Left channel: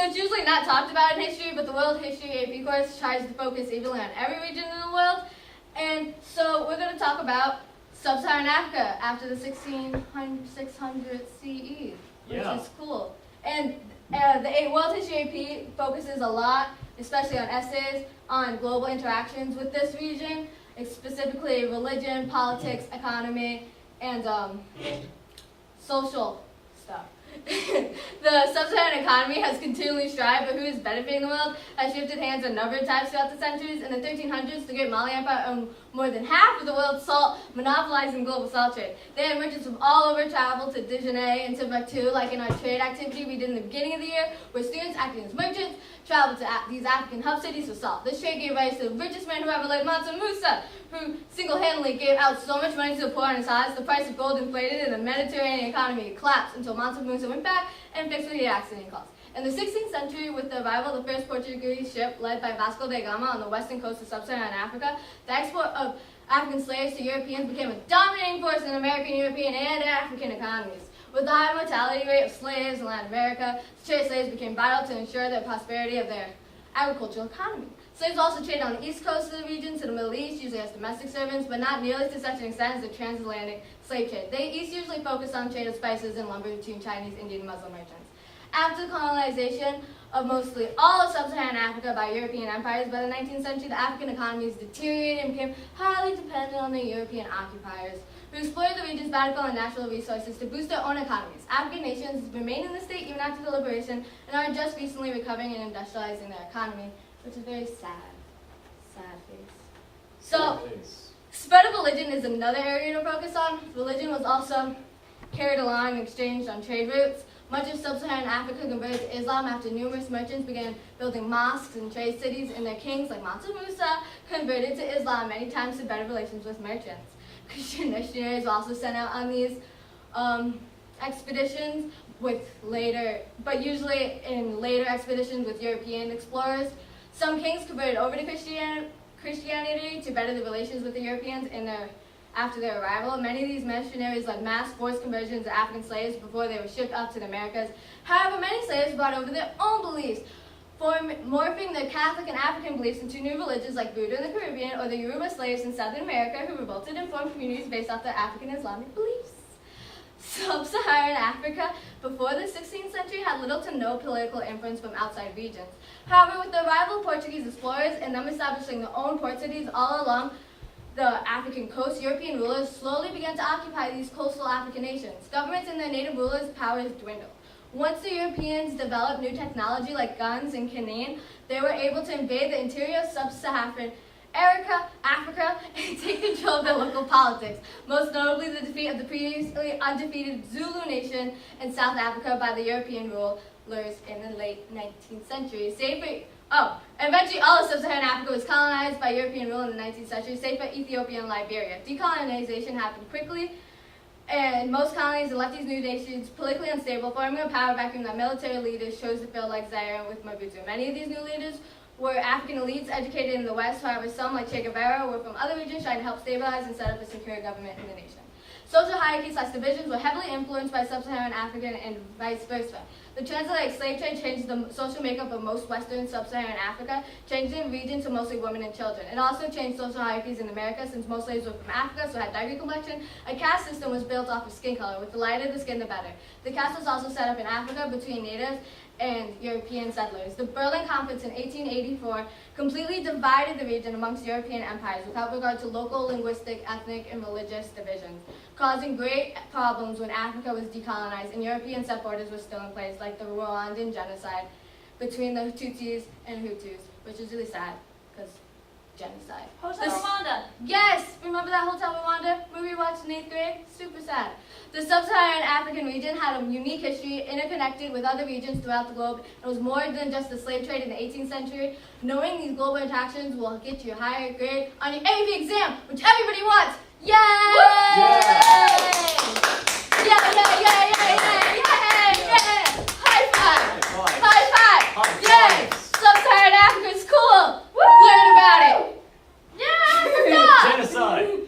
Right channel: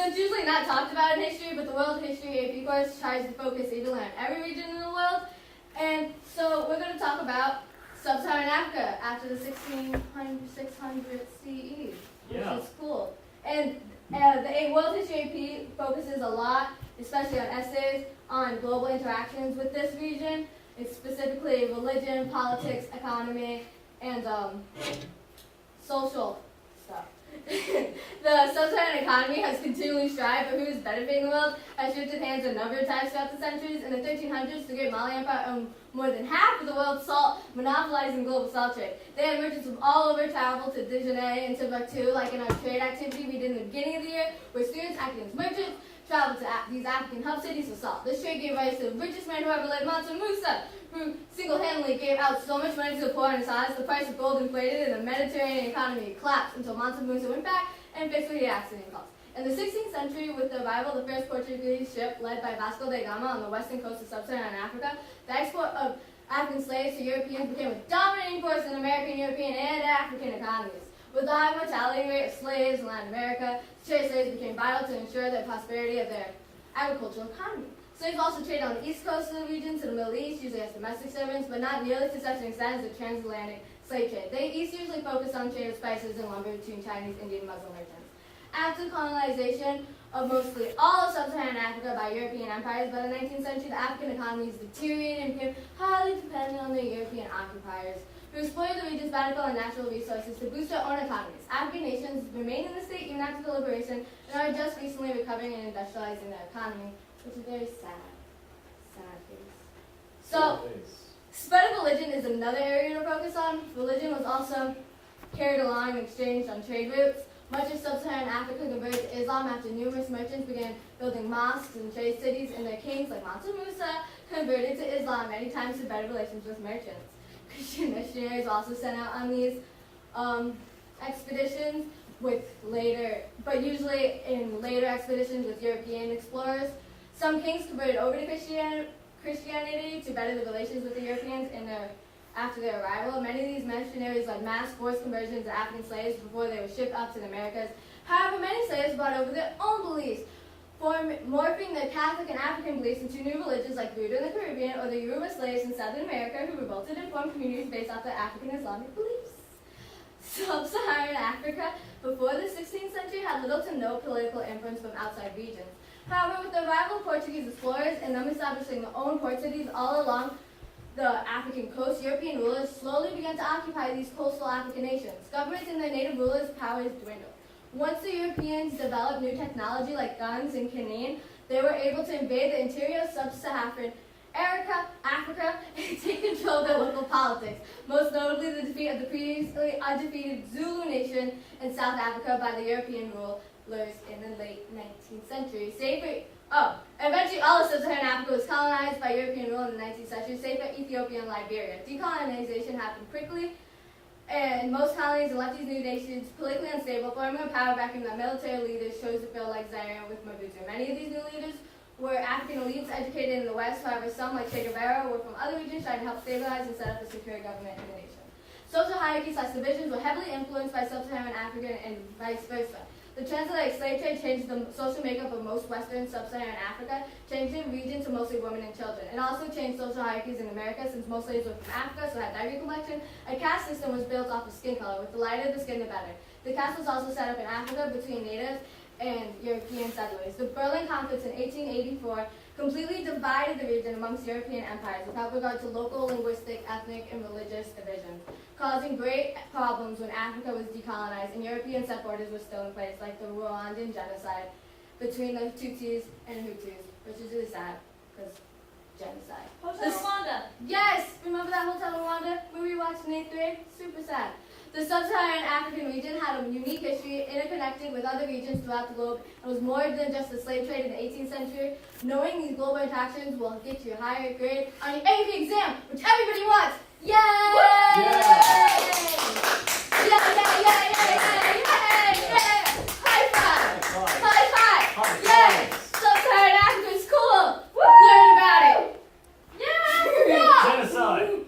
So it's usually not talked about in history, but the World History AP course tries to focus evenly on every region in the world. And so we're going to talk about Sub-Saharan Africa after the 600 CE, which is cool. And the World History AP focuses a lot, especially on essays, on global interactions with this region. It's specifically religion, politics, economy, and social stuff. The sub-Saharan economy has continually strived, but who is benefiting the world has shifted hands a number of times throughout the centuries. In the 1300s, the Great Mali Empire owned more than half of the world's salt, monopolizing global salt trade. They had merchants from all over travel to Dijonay and Timbuktu, like in our trade activity we did in the beginning of the year, where students acting as merchants traveled to these African hub cities for salt. This trade gave rise to the richest man who ever lived, Mansa Musa, who single-handedly gave out so much money to the poor in his eyes, the price of gold inflated and the Mediterranean economy collapsed until Mansa Musa went back and fixed what the accident caused. In the 16th century, with the arrival of the first Portuguese ship led by Vasco da Gama on the western coast of sub-Saharan Africa, the export of African slaves to Europeans became a dominating force in American, European, and African economies. With the high mortality rate of slaves in Latin America, trade slaves became vital to ensure the prosperity of their agricultural economy. Slaves also traded on the east coast of the region to the Middle East, usually as domestic servants, but not nearly to such an extent as the transatlantic slave trade. The East usually focused on trade of spices and lumber between Chinese, Indian, and Muslim merchants. After the colonization of mostly all of sub-Saharan Africa by European empires, by the 19th century, the African economies deteriorated and became highly dependent on the European occupiers, who exploited the region's bountiful and natural resources to boost their own economies. African nations remain in the state even after the liberation and are just recently recovering and industrializing their economy, which is very sad. Sad face. So, spread of religion is another area to focus on. Religion was also carried along and exchanged on trade routes. Much of sub-Saharan Africa converted to Islam after numerous merchants began building mosques and trade cities, and their kings, like Mansa Musa, converted to Islam many times to better relations with merchants. Christian missionaries also sent out on these expeditions but usually in later expeditions with European explorers. Some kings converted over to Christianity to better the relations with the Europeans after their arrival. Many of these missionaries led mass forced conversions of African slaves before they were shipped out to the Americas. However, many slaves brought over their own beliefs, morphing their Catholic and African beliefs into new religions like Buddha in the Caribbean or the Yoruba slaves in Southern America who revolted and formed communities based off their African Islamic beliefs. Sub-Saharan Africa before the 16th century had little to no political influence from outside regions. However, with the arrival of Portuguese explorers and them establishing their own port cities all along the African coast, European rulers slowly began to occupy these coastal African nations. Governments and their native rulers' powers dwindled. Once the Europeans developed new technology like guns and cannon, they were able to invade the interior of sub-Saharan Africa and take control of their local politics, most notably the defeat of the previously undefeated Zulu nation in South Africa by the European rulers in the late 19th century. Eventually all of sub-Saharan Africa was colonized by European rule in the 19th century, save for Ethiopia and Liberia. Decolonization happened quickly, and most colonies left these new nations politically unstable, forming a power vacuum that military leaders chose to fill like Zaire with Mobutu. Many of these new leaders were African elites educated in the West, however some, like Che Guevara, were from other regions trying to help stabilize and set up a secure government in the nation. Social hierarchies/divisions were heavily influenced by sub-Saharan African and vice versa. The transatlantic slave trade changed the social makeup of most Western sub-Saharan Africa, changing the region to mostly women and children. It also changed social hierarchies in America, since most slaves were from Africa, so had darker complexion. A caste system was built off of skin color, with the lighter the skin, the better. The caste was also set up in Africa between natives and European settlers. The Berlin Conference in 1884 completely divided the region amongst European empires without regard to local linguistic, ethnic, and religious divisions, causing great problems when Africa was decolonized and European set borders were still in place, like the Rwandan genocide between the Tutsis and Hutus, which is really sad, because genocide. Hotel Rwanda. Yes! Remember that Hotel Rwanda movie we watched in 8th grade? Super sad. The sub-Saharan African region had a unique history, interconnected with other regions throughout the globe. It was more than just the slave trade in the 18th century. Knowing these global interactions will get you a higher grade on your AP exam, which everybody wants. Yay!